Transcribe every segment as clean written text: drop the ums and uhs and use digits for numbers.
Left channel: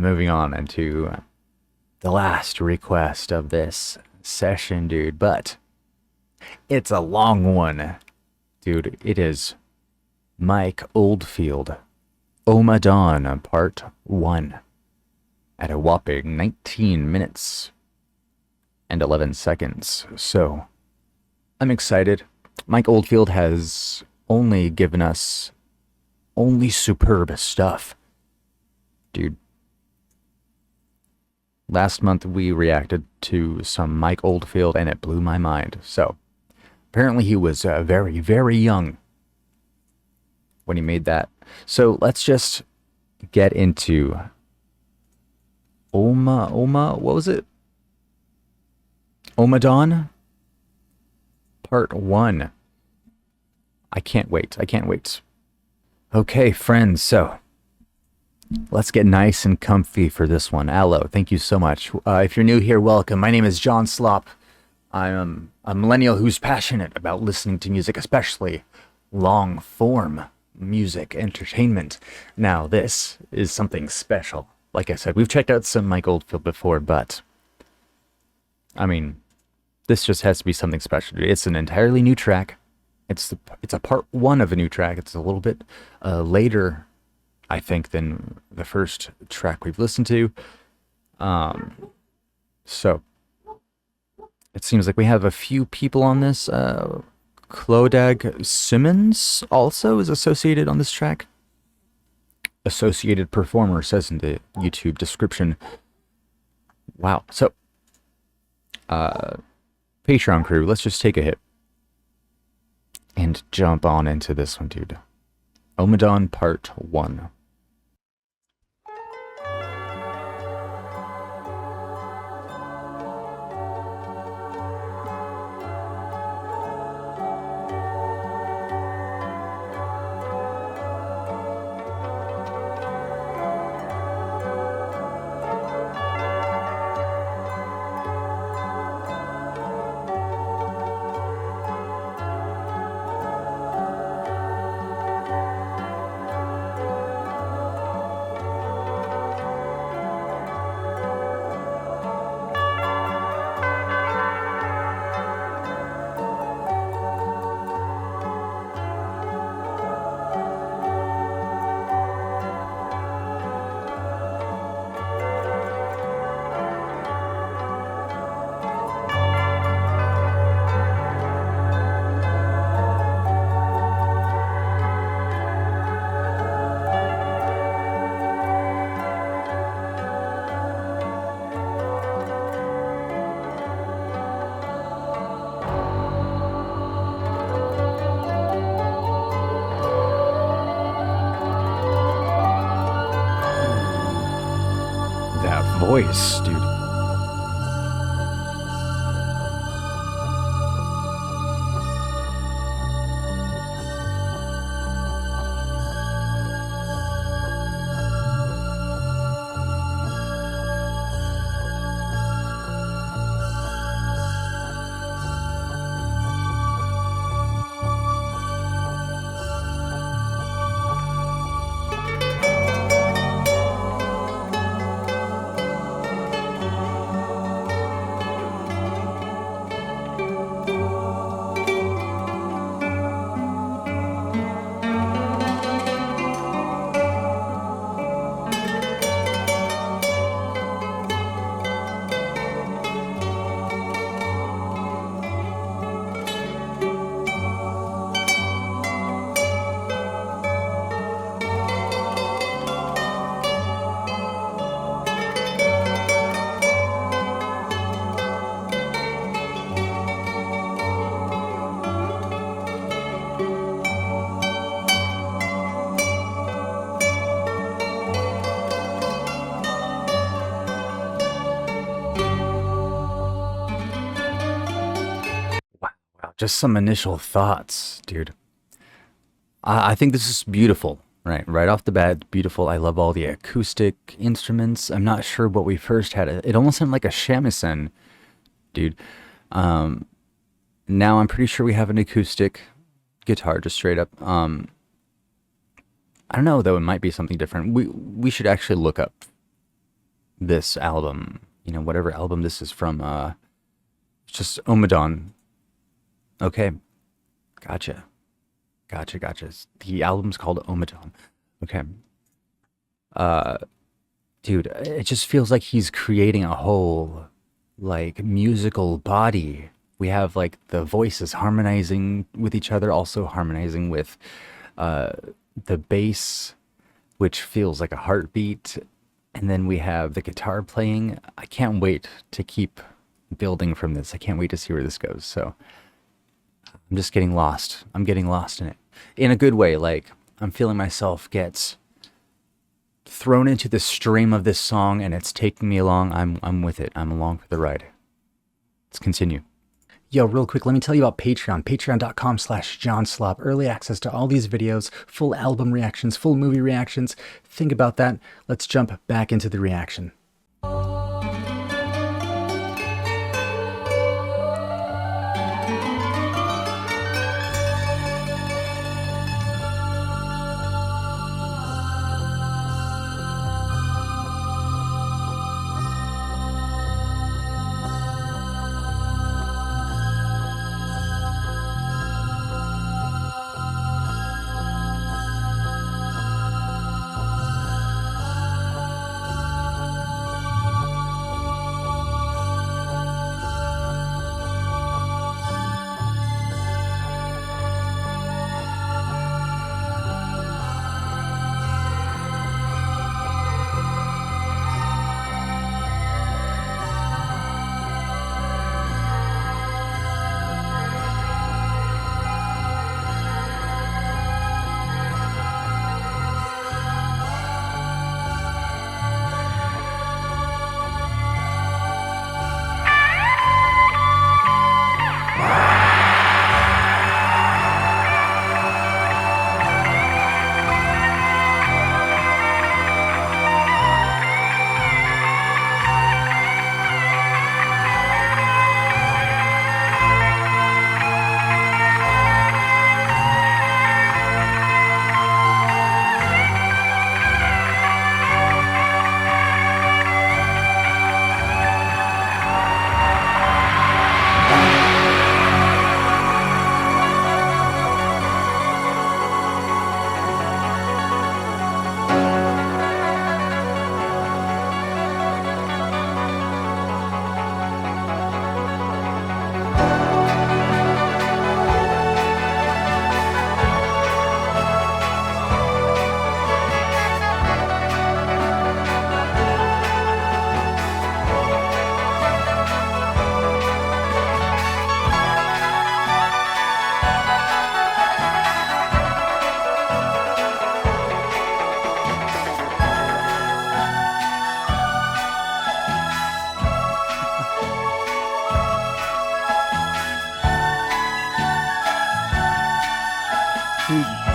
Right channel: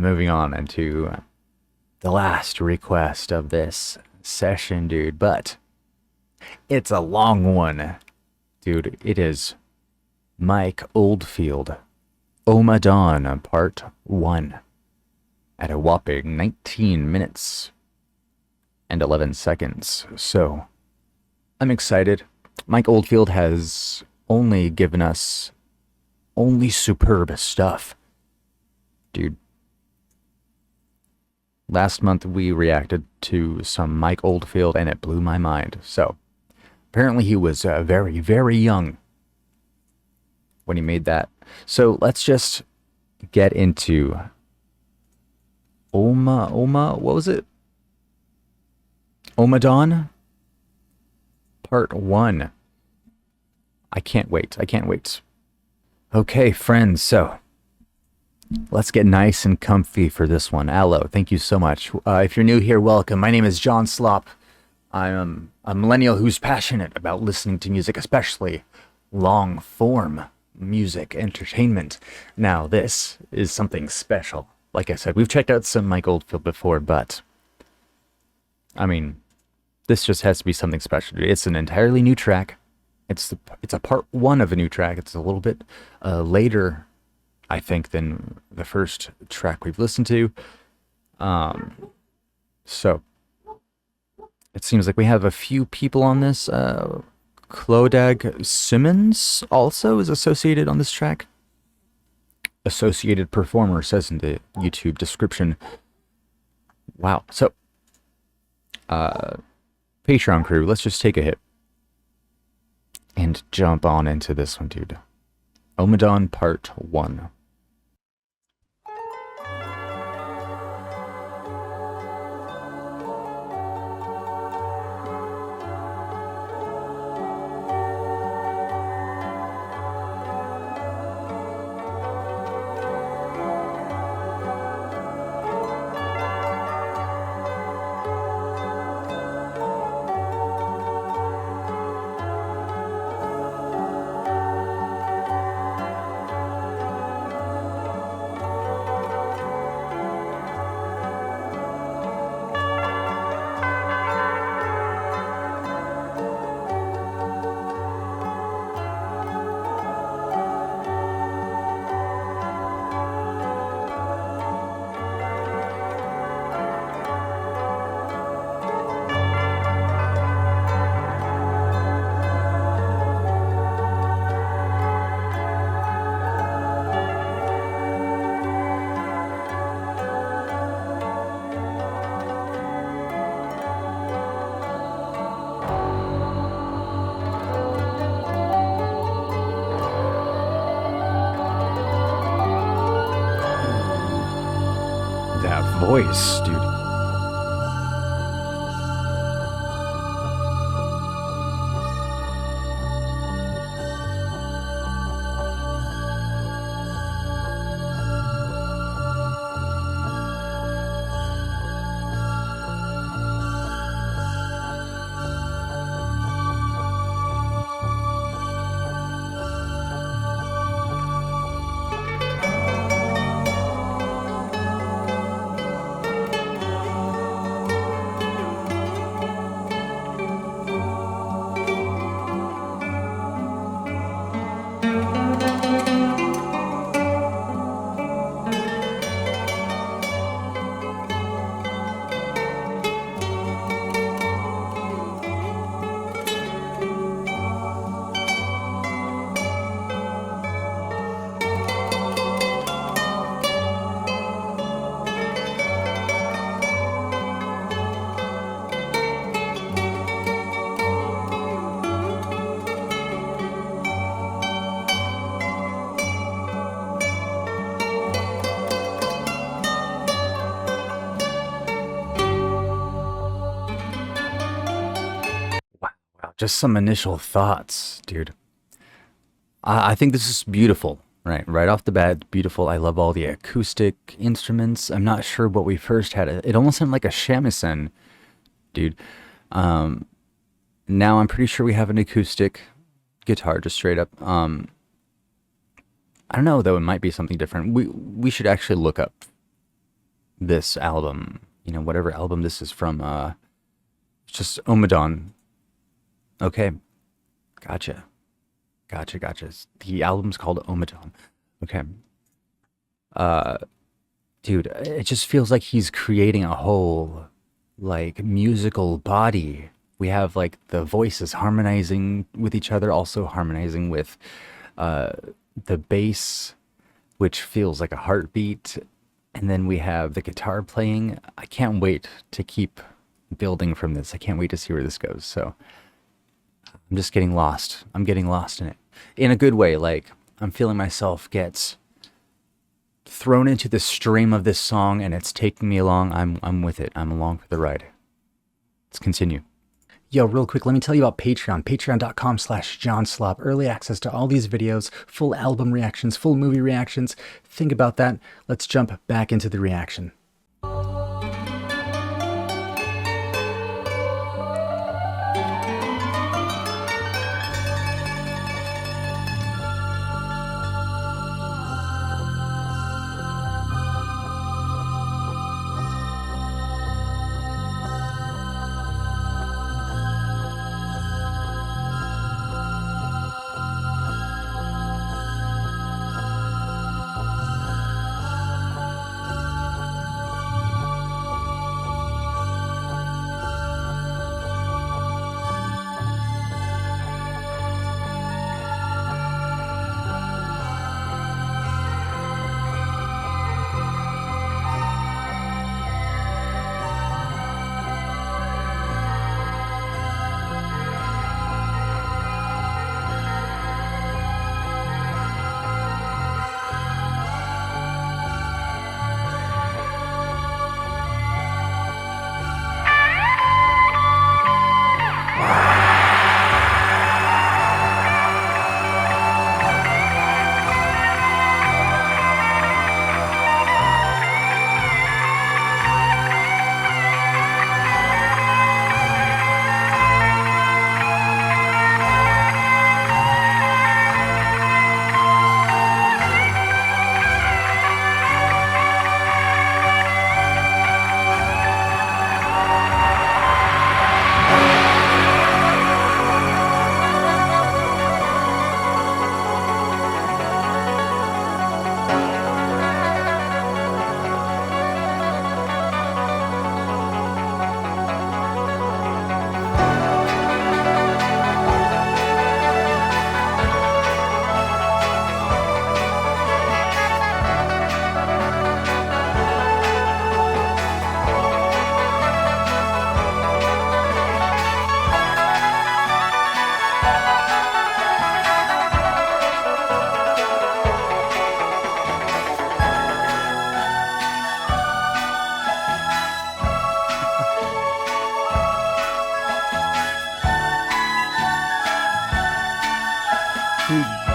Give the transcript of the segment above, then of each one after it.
moving on into the last request of this session, dude. But it's a long one, dude. It is Mike Oldfield, Omadon, Part 1, at a whopping 19 minutes and 11 seconds. So, I'm excited. Mike Oldfield has only given us only superb stuff. Dude, last month we reacted to some Mike Oldfield and it blew my mind. So, apparently he was very, very young when he made that. So, let's just get into what was it? Ommadawn? Part 1. I can't wait. Okay, friends, so let's get nice and comfy for this one. Aloe, thank you so much. If you're new here, welcome. My name is John Slop. I'm a millennial who's passionate about listening to music, especially long-form music entertainment. Now, this is something special. Like I said, we've checked out some Mike Oldfield before, but I mean, this just has to be something special. It's an entirely new track. It's a part 1 of a new track. It's a little bit later, I think, than the first track we've listened to. So it seems like we have a few people on this. Clodag Simmons also is associated on this track. Associated performer says in the YouTube description. Wow. So, Patreon crew, let's just take a hit and jump on into this one, dude. Omadon Part 1. That voice, dude. Just some initial thoughts, dude. I think this is beautiful, right? Right off the bat, beautiful. I love all the acoustic instruments. I'm not sure what we first had. It almost sounded like a shamisen, dude. Now I'm pretty sure we have an acoustic guitar, just straight up. I don't know though. It might be something different. We should actually look up this album. You know, whatever album this is from. It's just Ommadawn. Okay, gotcha, gotcha. The album's called Omadon. Okay, dude, it just feels like he's creating a whole like musical body. We have like the voices harmonizing with each other, also harmonizing with uh, the bass, which feels like a heartbeat. And then we have the guitar playing. I can't wait to keep building from this. I can't wait to see where this goes. So I'm just getting lost. I'm getting lost in it in a good way. Like I'm feeling myself get thrown into the stream of this song and it's taking me along. I'm with it. I'm along for the ride. Let's continue. Yo, real quick, let me tell you about Patreon. Patreon.com/JohnSlop. Early access to all these videos, full album reactions, full movie reactions. Think about that. Let's jump back into the reaction.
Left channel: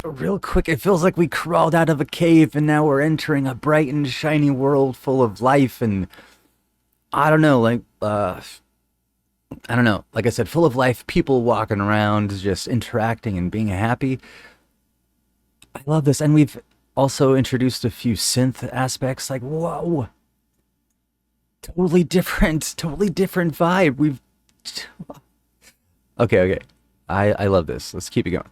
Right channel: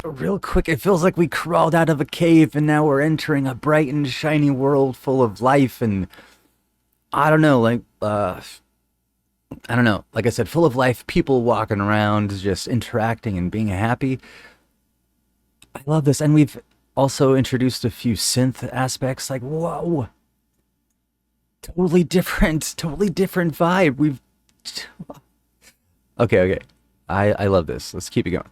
Real quick, it feels like we crawled out of a cave and now we're entering a bright and shiny world full of life and I don't know, I don't know. Like I said, full of life, people walking around, just interacting and being happy. I love this. And we've also introduced a few synth aspects. Like, whoa, totally different vibe. Okay. I love this. Let's keep it going.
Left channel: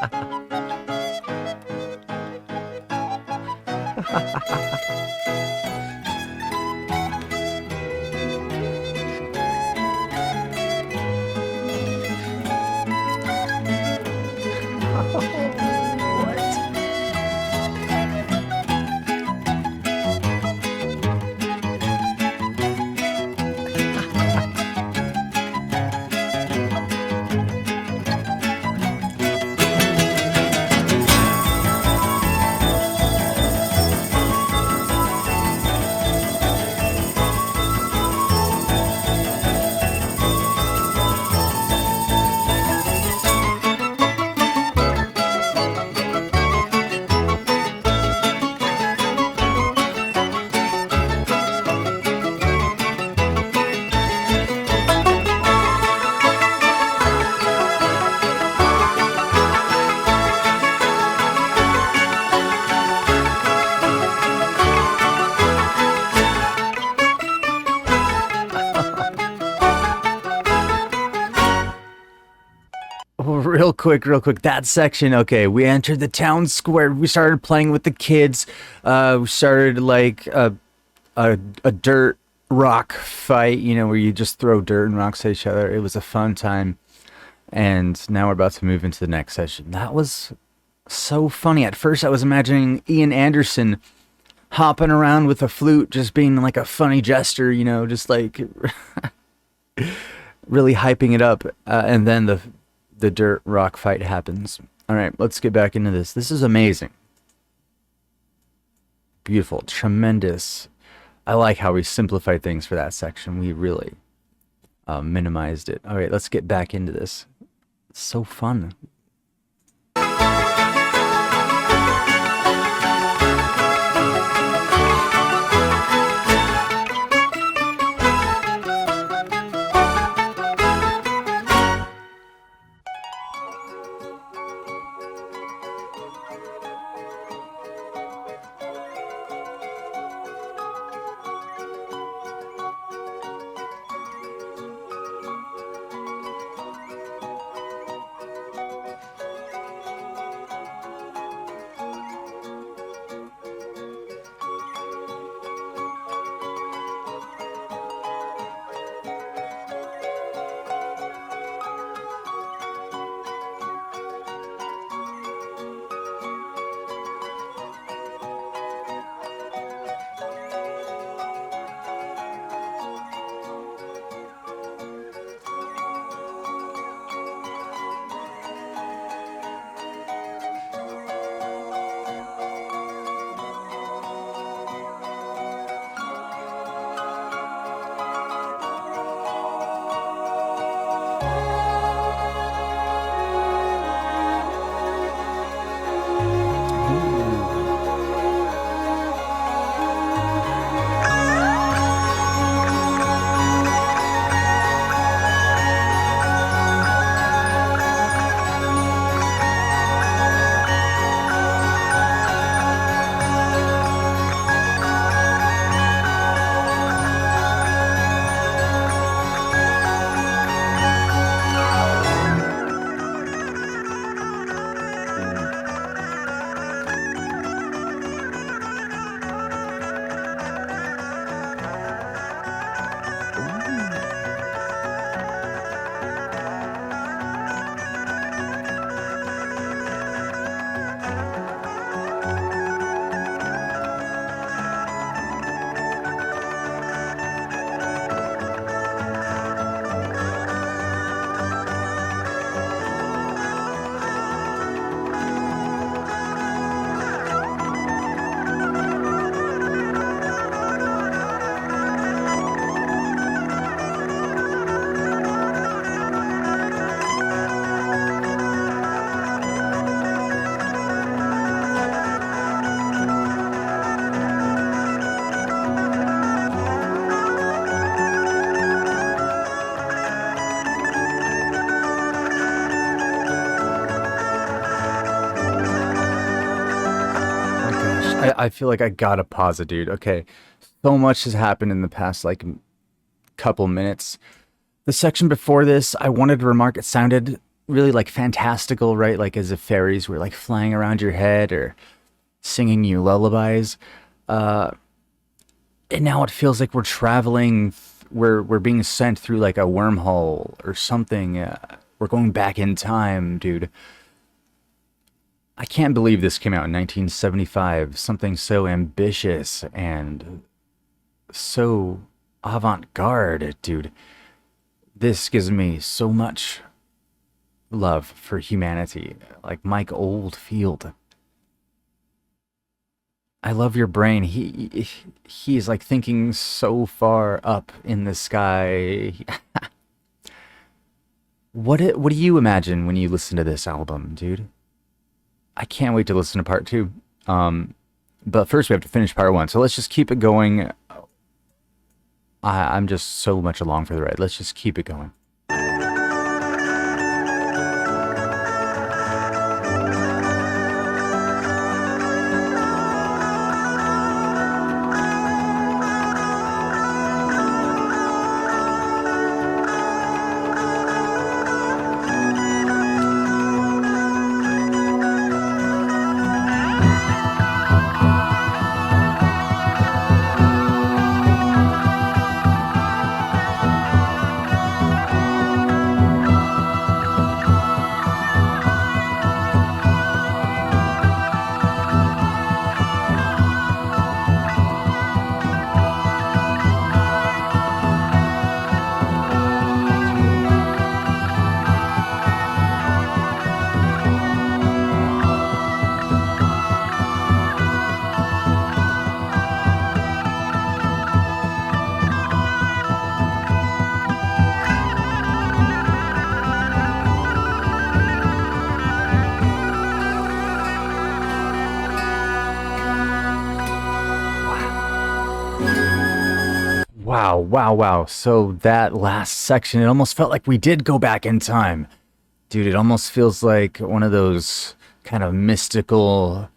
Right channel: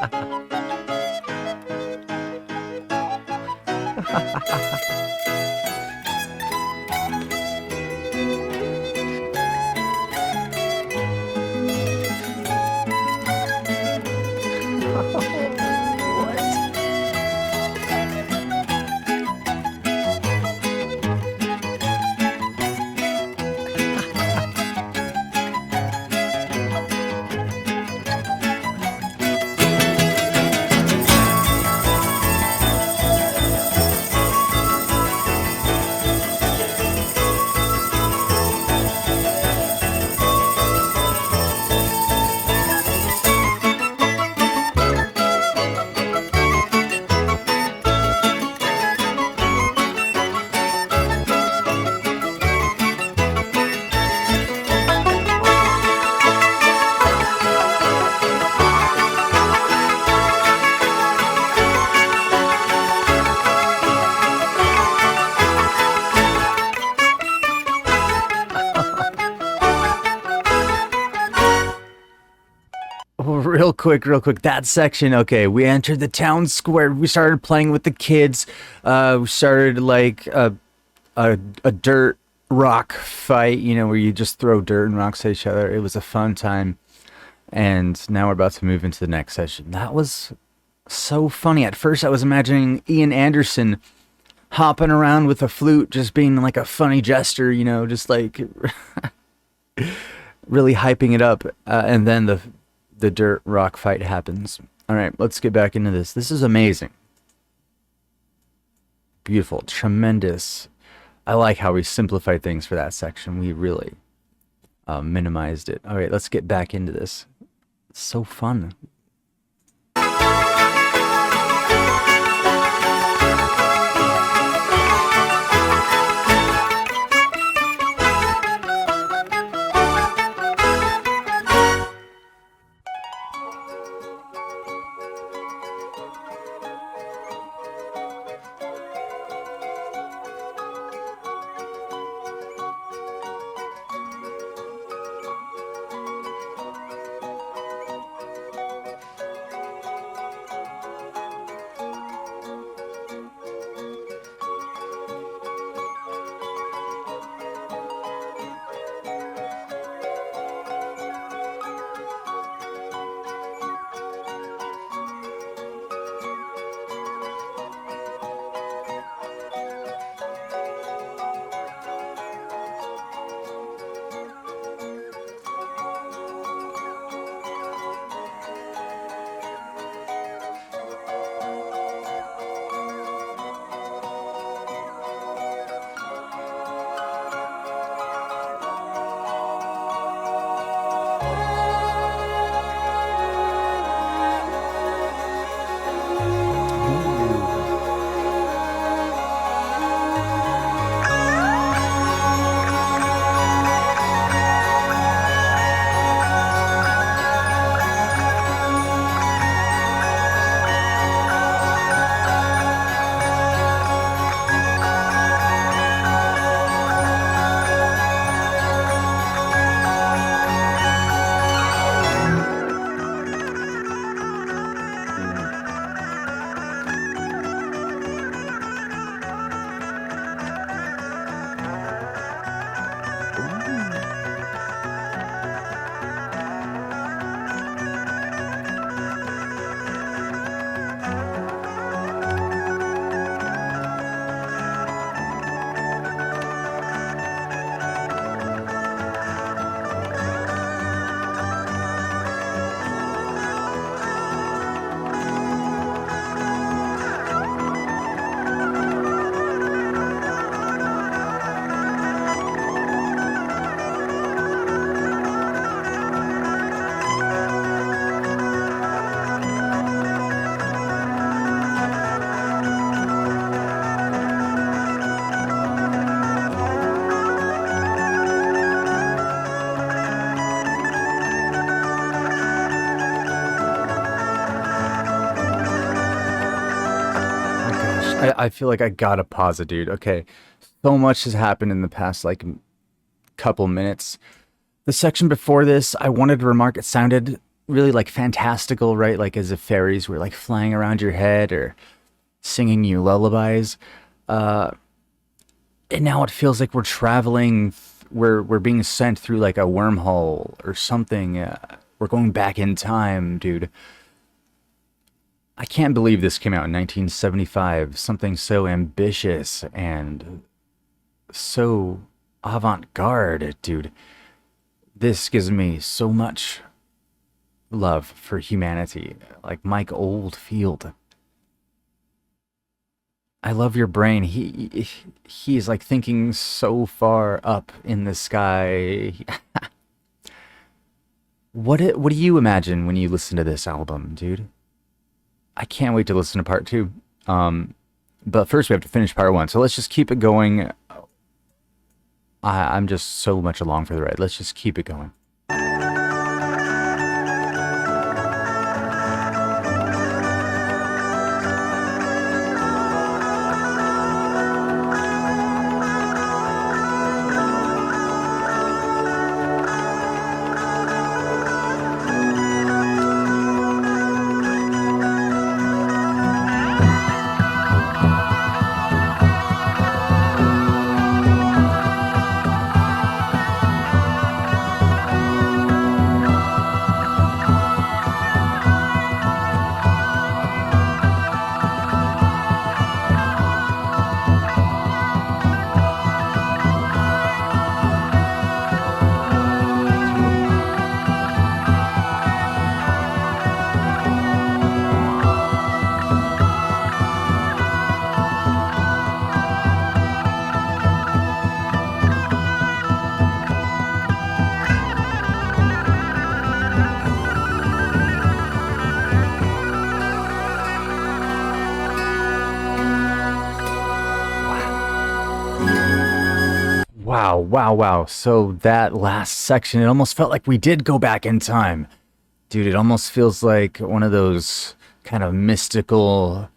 What? Real quick. That section. Okay, we entered the town square. We started playing with the kids. We started like a dirt rock fight. You know, where you just throw dirt and rocks at each other. It was a fun time. And now we're about to move into the next session. That was so funny. At first, I was imagining Ian Anderson hopping around with a flute, just being like a funny jester. You know, just like really hyping it up. And then the dirt rock fight happens. All right, let's get back into this. This is amazing. Beautiful, tremendous. I like how we simplified things for that section. We really minimized it. All right, let's get back into this. It's so fun. I feel like I gotta pause it, dude. Okay. So much has happened in the past, like, couple minutes. The section before this, I wanted to remark it sounded really like fantastical, right? Like as if fairies were like flying around your head or singing you lullabies. Uh, and now it feels like we're traveling, we're being sent through like a wormhole or something. We're going back in time, dude. I can't believe this came out in 1975. Something so ambitious and so avant-garde, dude. This gives me so much love for humanity. Like Mike Oldfield. I love your brain. He's like thinking so far up in the sky. What do you imagine when you listen to this album, dude? I can't wait to listen to part two. Um, but first we have to finish part one. So let's just keep it going. I'm just so much along for the ride. Let's just keep it going. Wow, wow, wow. So that last section, it almost felt like we did go back in time. Dude, it almost feels like one of those kind of mystical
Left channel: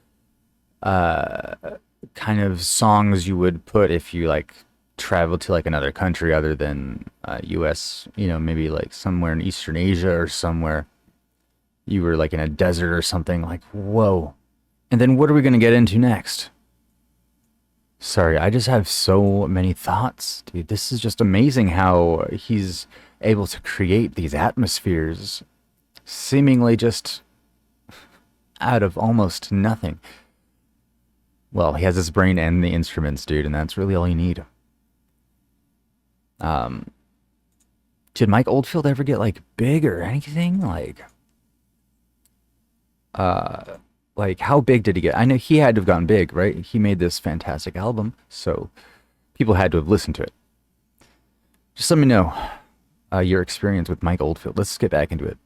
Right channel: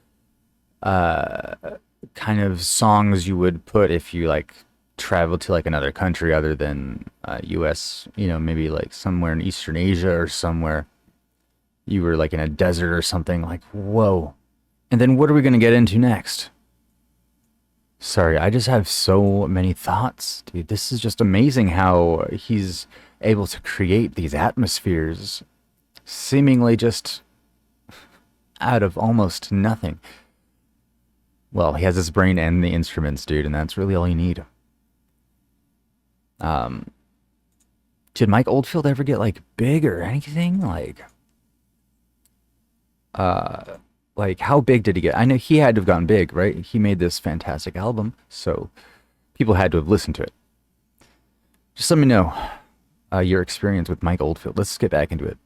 kind of songs you would put if you like traveled to like another country other than US, maybe like somewhere in Eastern Asia or somewhere. You were like in a desert or something like, whoa. And then what are we going to get into next? Sorry, I just have so many thoughts, dude. This is just amazing how he's able to create these atmospheres seemingly just out of almost nothing. Well, he has his brain and the instruments, dude, and that's really all you need. Um, did Mike Oldfield ever get like big or anything? Uh, like how big did he get? I know he had to have gotten big, right? He made this fantastic album, so people had to have listened to it. Just let me know your experience with Mike Oldfield. Let's get back into it.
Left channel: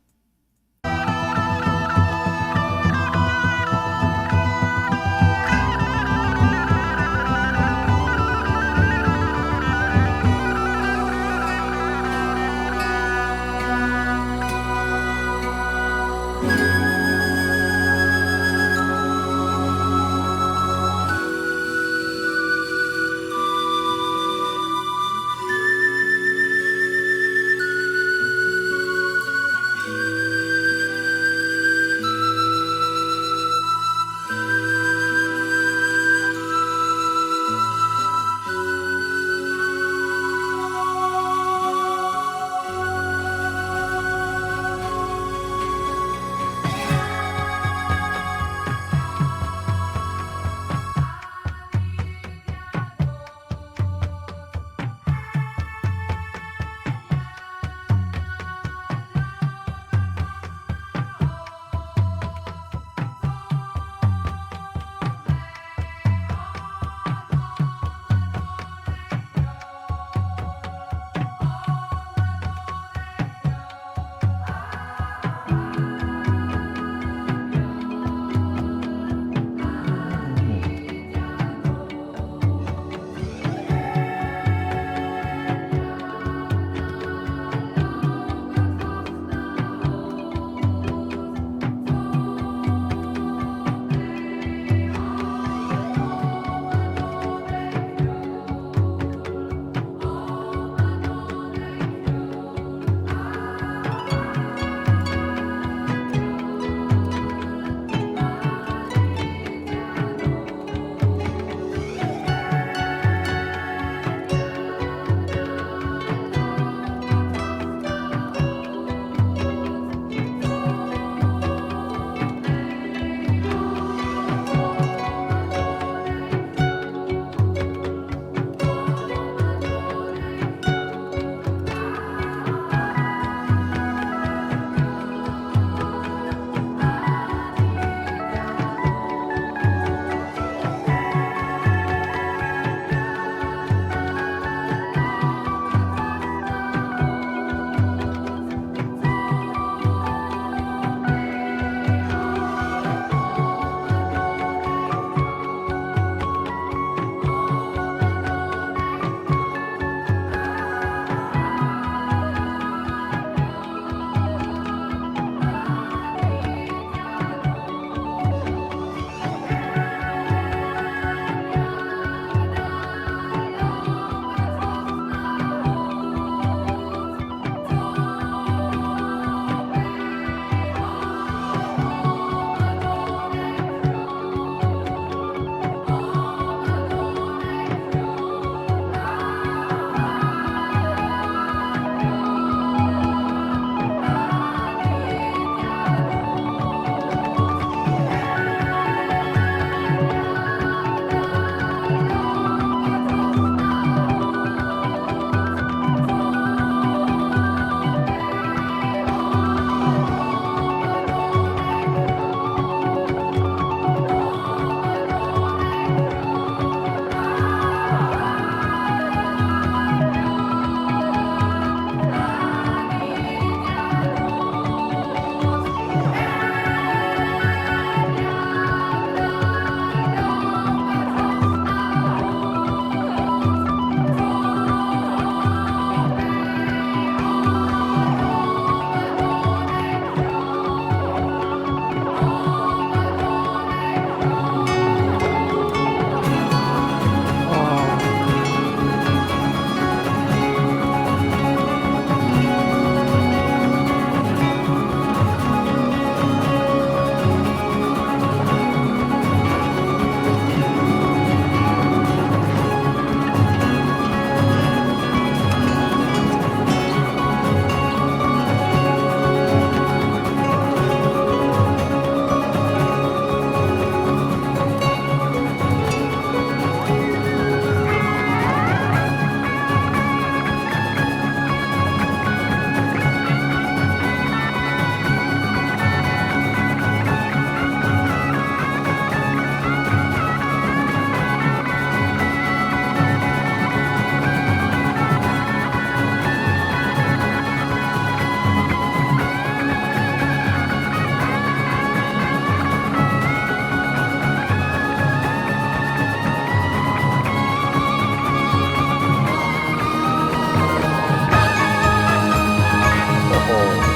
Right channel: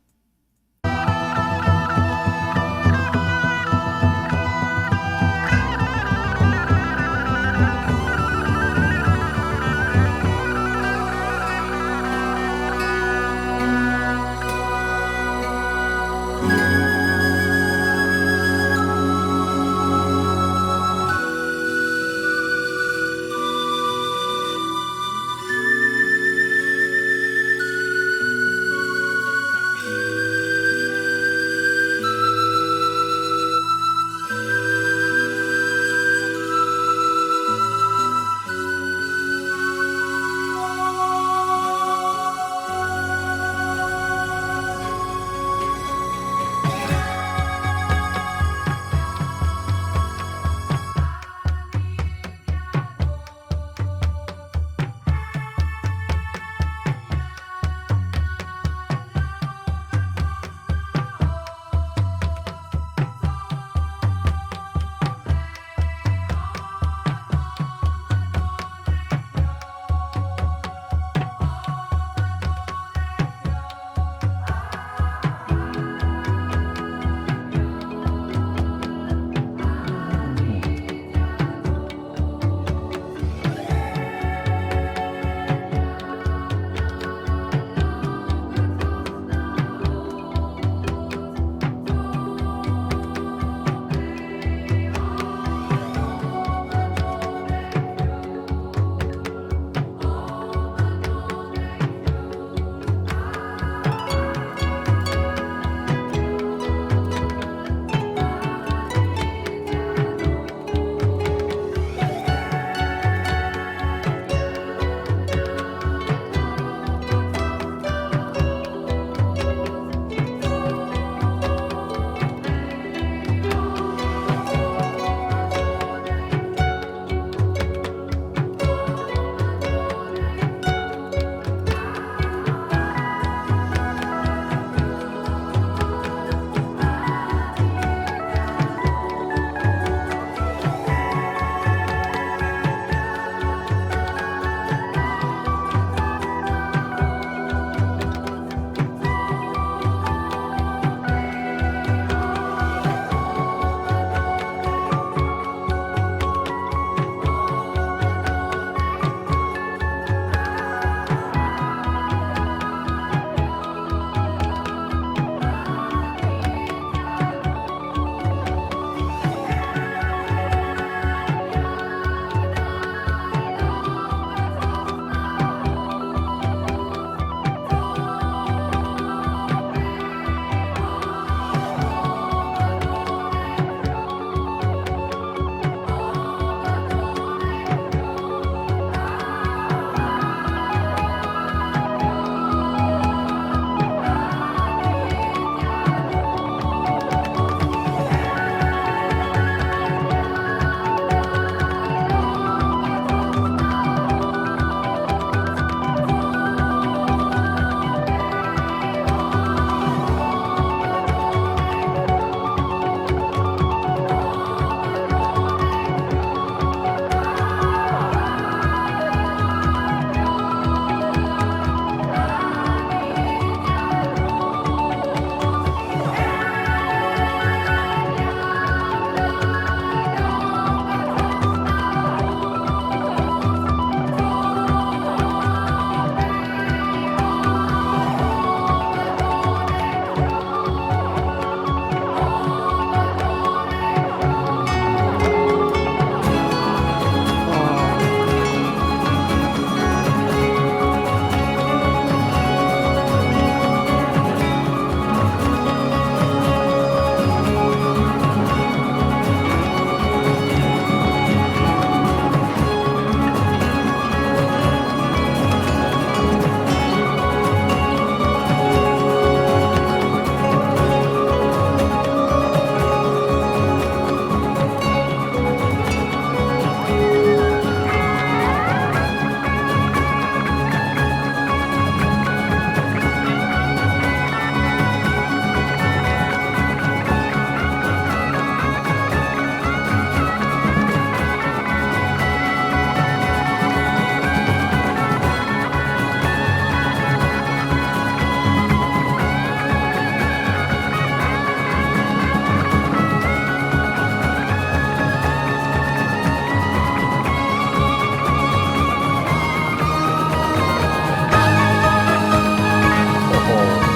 Oh.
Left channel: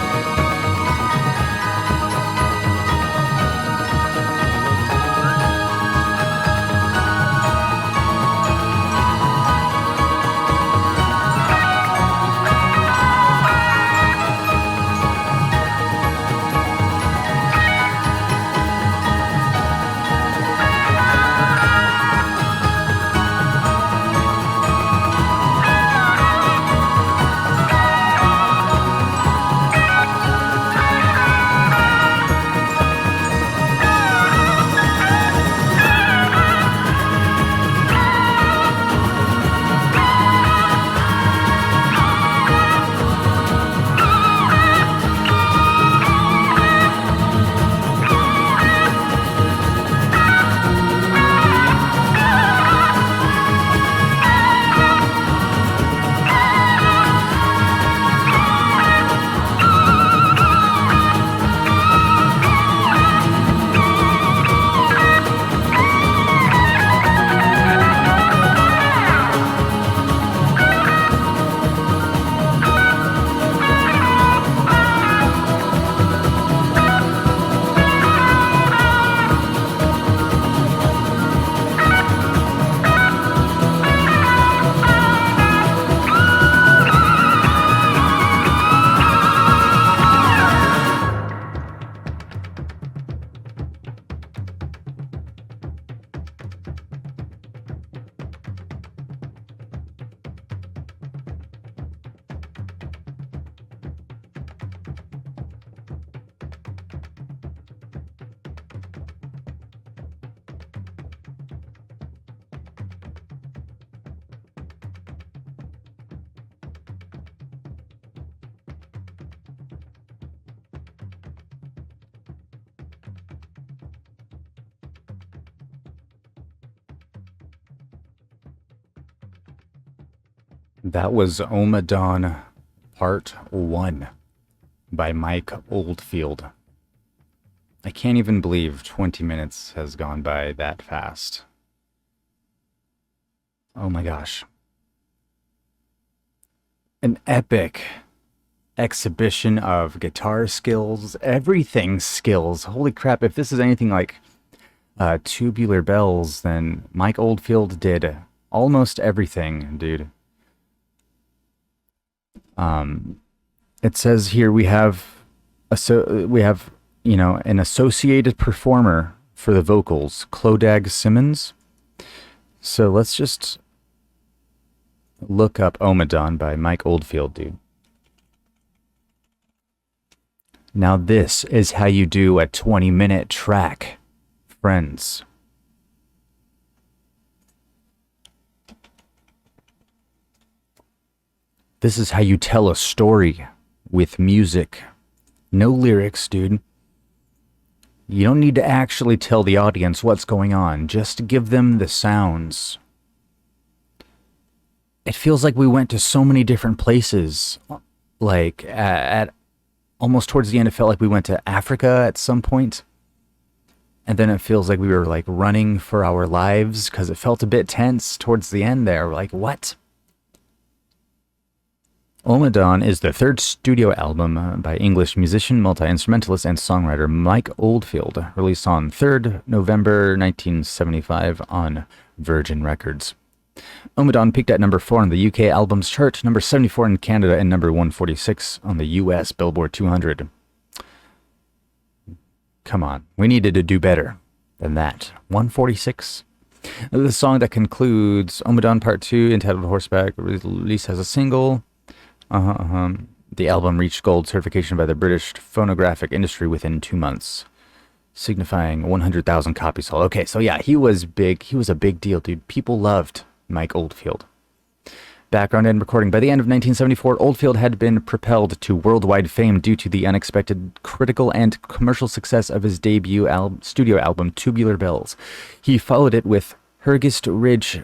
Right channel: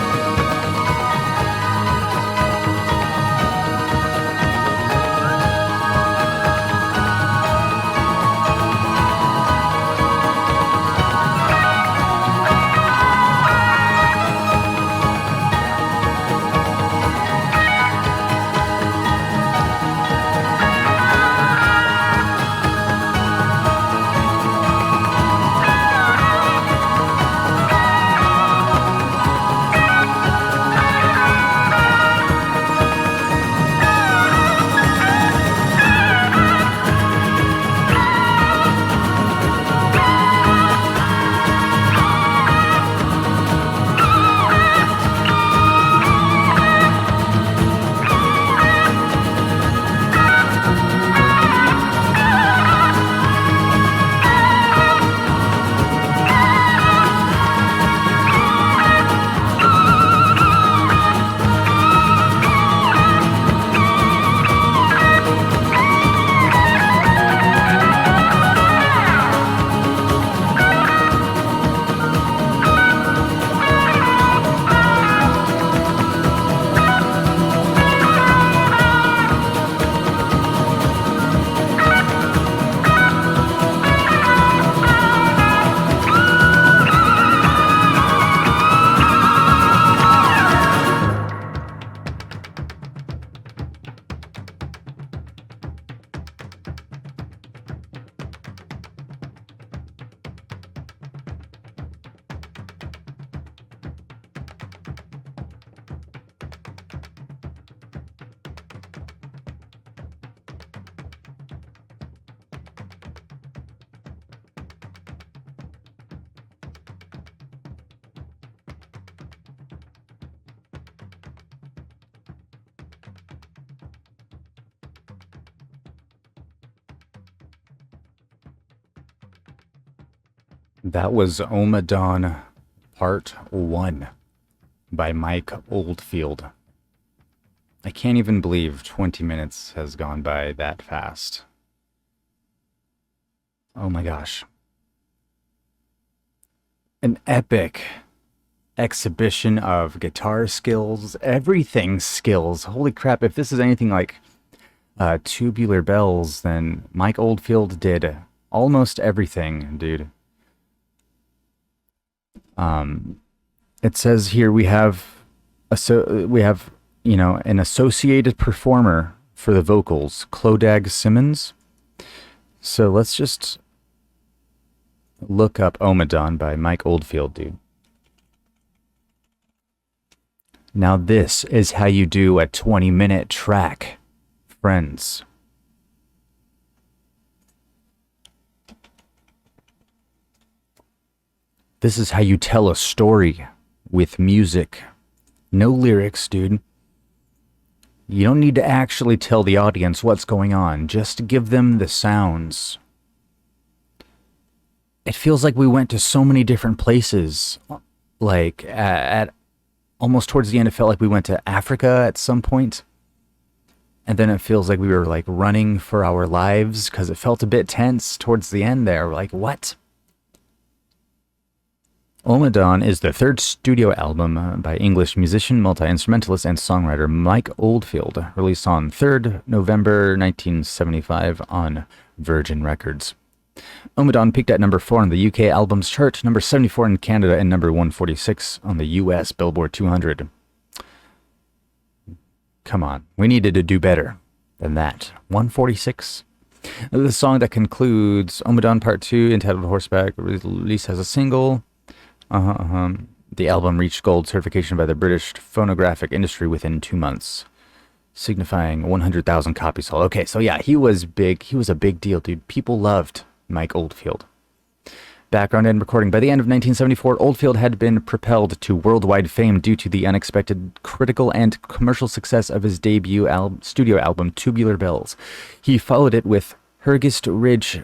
That was Ommadawn Part 1 by Mike Oldfield. I can't even believe 20 minutes has gone by that fast. Oh my gosh. An epic exhibition of guitar skills, everything skills. Holy crap, if this is anything like Tubular Bells, then Mike Oldfield did almost everything, dude. It says here we have an associated performer for the vocals, Clodagh Simmons. So let's just look up Omadon by Mike Oldfield, dude. Now this is how you do a 20-minute track, friends. This is how you tell a story with music. No lyrics, dude. You don't need to actually tell the audience what's going on. Just give them the sounds. It feels like we went to so many different places. Like, at almost towards the end, it felt like we went to Africa at some point. And then it feels like we were, like, running for our lives because it felt a bit tense towards the end there. We're like, what? Omadon is the third studio album by English musician, multi-instrumentalist, and songwriter Mike Oldfield, released on 3rd November 1975 on Virgin Records. Omadon peaked at number 4 on the UK Albums Chart, number 74 in Canada, and number 146 on the US Billboard 200. Come on, we needed to do better than that. 146? The song that concludes Omadon Part 2, entitled Horseback, released as a single. The album reached gold certification by the British phonographic industry within 2 months, signifying 100,000 copies sold. Okay, so yeah, he was big. He was a big deal, dude. People loved Mike Oldfield. Background and recording. By the end of 1974, Oldfield had been propelled to worldwide fame due to the unexpected critical and commercial success of his debut studio album, Tubular Bells. He followed it with Hurgist Ridge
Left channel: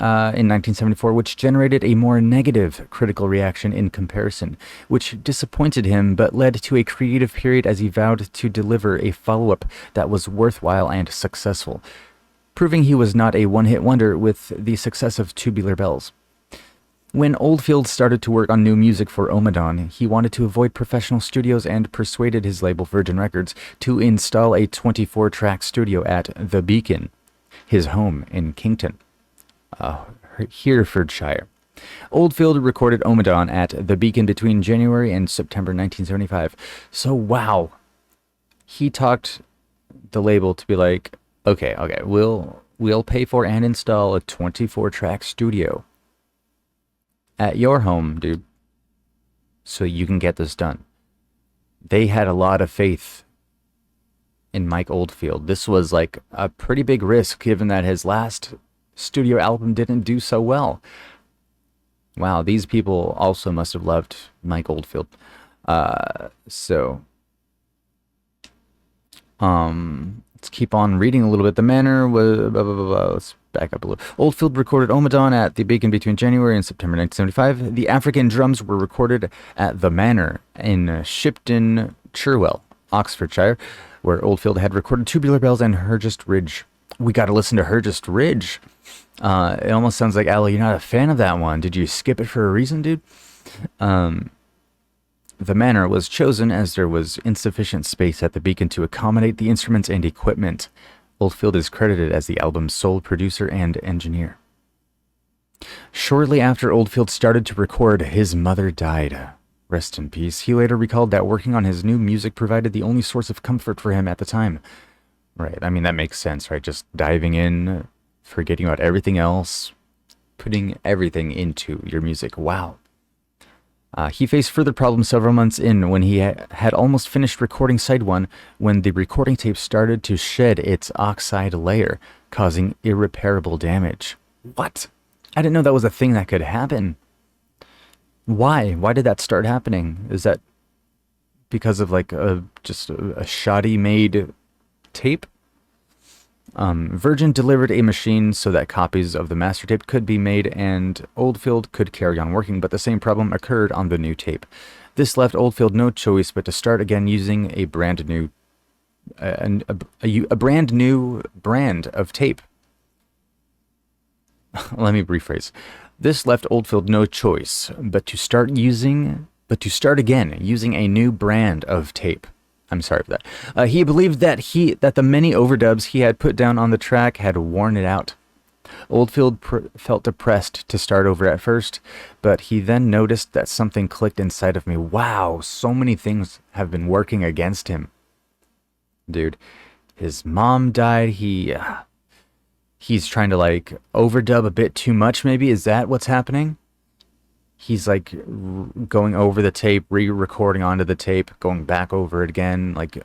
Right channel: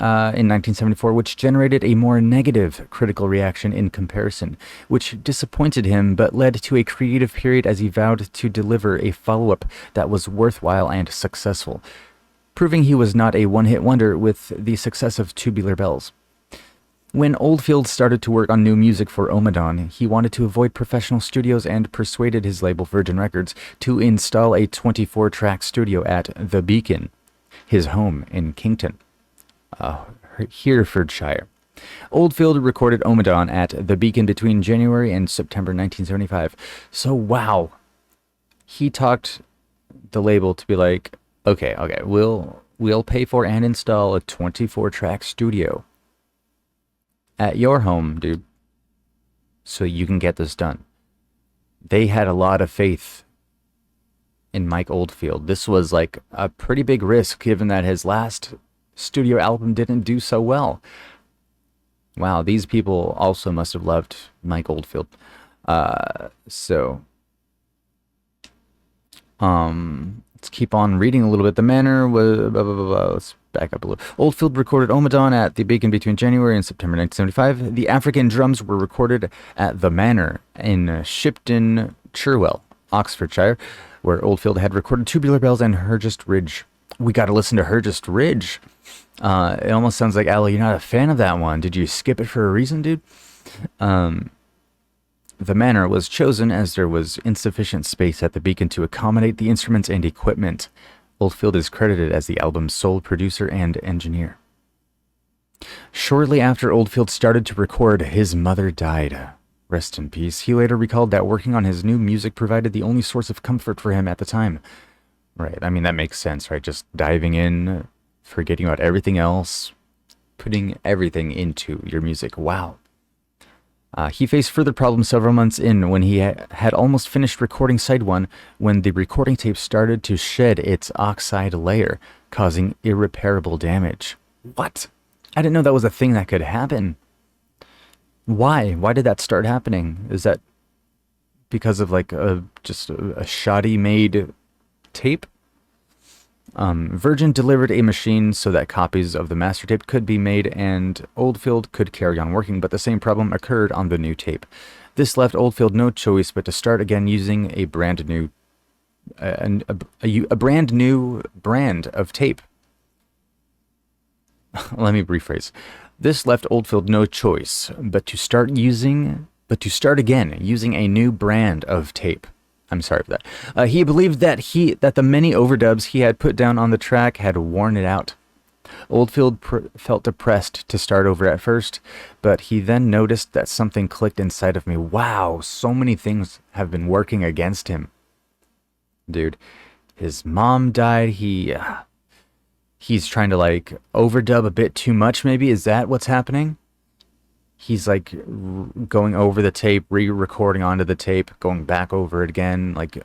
in 1974, which generated a more negative critical reaction in comparison, which disappointed him but led to a creative period as he vowed to deliver a follow-up that was worthwhile and successful, proving he was not a one-hit wonder with the success of Tubular Bells. When Oldfield started to work on new music for Ommadawn, he wanted to avoid professional studios and persuaded his label Virgin Records to install a 24-track studio at The Beacon, his home in Kington, Herefordshire. Oldfield recorded Omadon at The Beacon between January and September 1975. So, wow. He talked the label to be like, okay, we'll pay for and install a 24-track studio at your home, dude, so you can get this done. They had a lot of faith in Mike Oldfield. This was like a pretty big risk given that his last studio album didn't do so well. Wow, these people also must have loved Mike Oldfield. Let's keep on reading a little bit. The manner was... Blah, blah, blah, blah. Let's back up a little. Oldfield recorded Omadon at The Beacon between January and September 1975. The African drums were recorded at The Manor in Shipton, Cherwell, Oxfordshire, where Oldfield had recorded Tubular Bells and Hergest Ridge. We got to listen to Hergest Ridge. It almost sounds like, Aloe, you're not a fan of that one. Did you skip it for a reason, dude? The Manor was chosen as there was insufficient space at the Beacon to accommodate the instruments and equipment. Oldfield is credited as the album's sole producer and engineer. Shortly after Oldfield started to record, his mother died. Rest in peace. He later recalled that working on his new music provided the only source of comfort for him at the time. Right, I mean, that makes sense, right? Just diving in, forgetting about everything else, putting everything into your music. Wow. He faced further problems several months in when he had almost finished recording side one when the recording tape started to shed its oxide layer, causing irreparable damage. What? I didn't know that was a thing that could happen. Why? Why did that start happening? Is that because of like just a shoddy made tape? Virgin delivered a machine so that copies of the master tape could be made and Oldfield could carry on working, but the same problem occurred on the new tape. This left Oldfield no choice but to start again using a brand new brand of tape. Let me rephrase. This left Oldfield no choice but to start again using a new brand of tape. I'm sorry for that. He believed that the many overdubs he had put down on the track had worn it out. Oldfield felt depressed to start over at first, but he then noticed that something clicked inside of me. Wow, so many things have been working against him. Dude, his mom died. He's trying to like overdub a bit too much, maybe? Is that what's happening? He's like going over the tape, re-recording onto the tape, going back over it again. Like,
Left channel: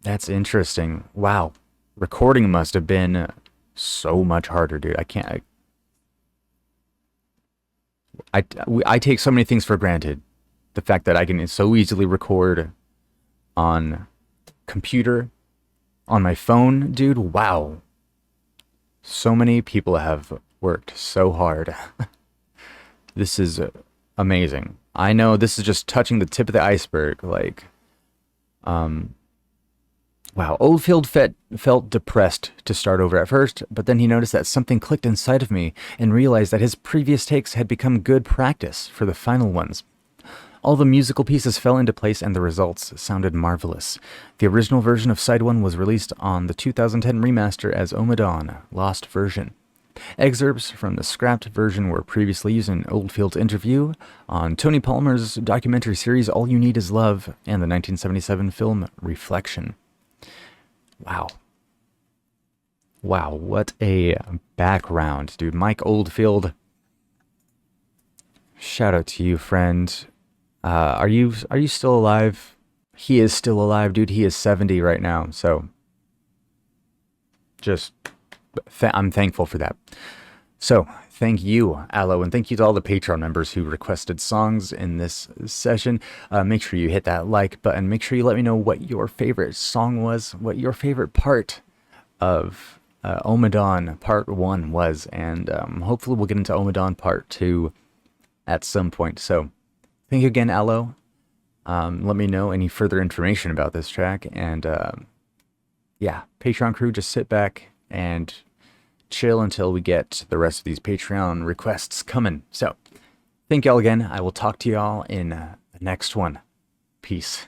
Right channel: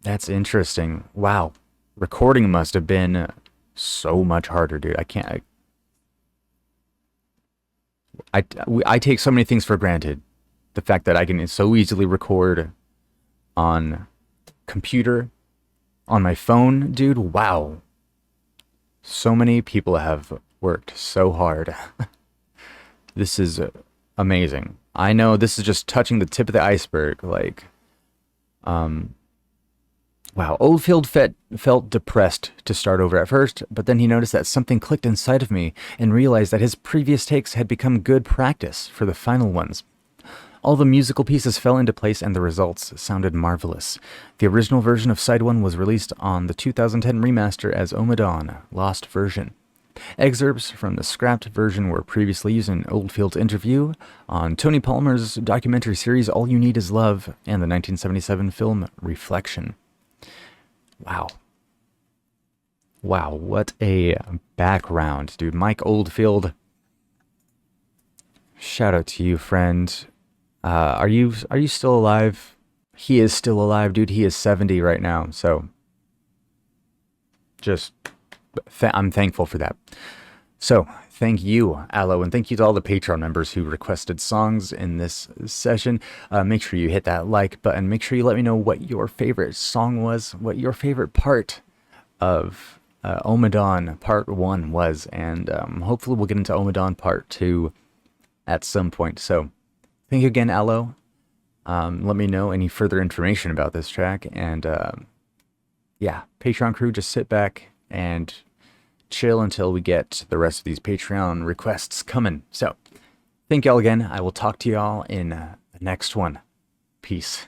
that's interesting. Wow. Recording must have been so much harder, dude. I take so many things for granted. The fact that I can so easily record on computer, on my phone, dude. Wow. So many people have worked so hard. This is amazing. I know this is just touching the tip of the iceberg. Like, wow. Oldfield felt depressed to start over at first, but then he noticed that something clicked inside of me and realized that his previous takes had become good practice for the final ones. All the musical pieces fell into place and the results sounded marvelous. The original version of Side 1 was released on the 2010 remaster as Ommadawn, Lost Version. Excerpts from the scrapped version were previously used in Oldfield's interview on Tony Palmer's documentary series All You Need Is Love and the 1977 film Reflection. Wow. Wow, what a background, dude. Mike Oldfield. Shout out to you, friend. Are you still alive? He is still alive, dude. He is 70 right now, so just I'm thankful for that. So, thank you, Aloe, and thank you to all the Patreon members who requested songs in this session. Make sure you hit that like button. Make sure you let me know what your favorite song was, what your favorite part of Omadon Part 1 was, and hopefully we'll get into Omadon Part 2 at some point. So, thank you again, Aloe. Let me know any further information about this track, and yeah, Patreon crew, just sit back and chill until we get the rest of these Patreon requests coming. So, Thank y'all again. I will talk to y'all in the next one. Peace.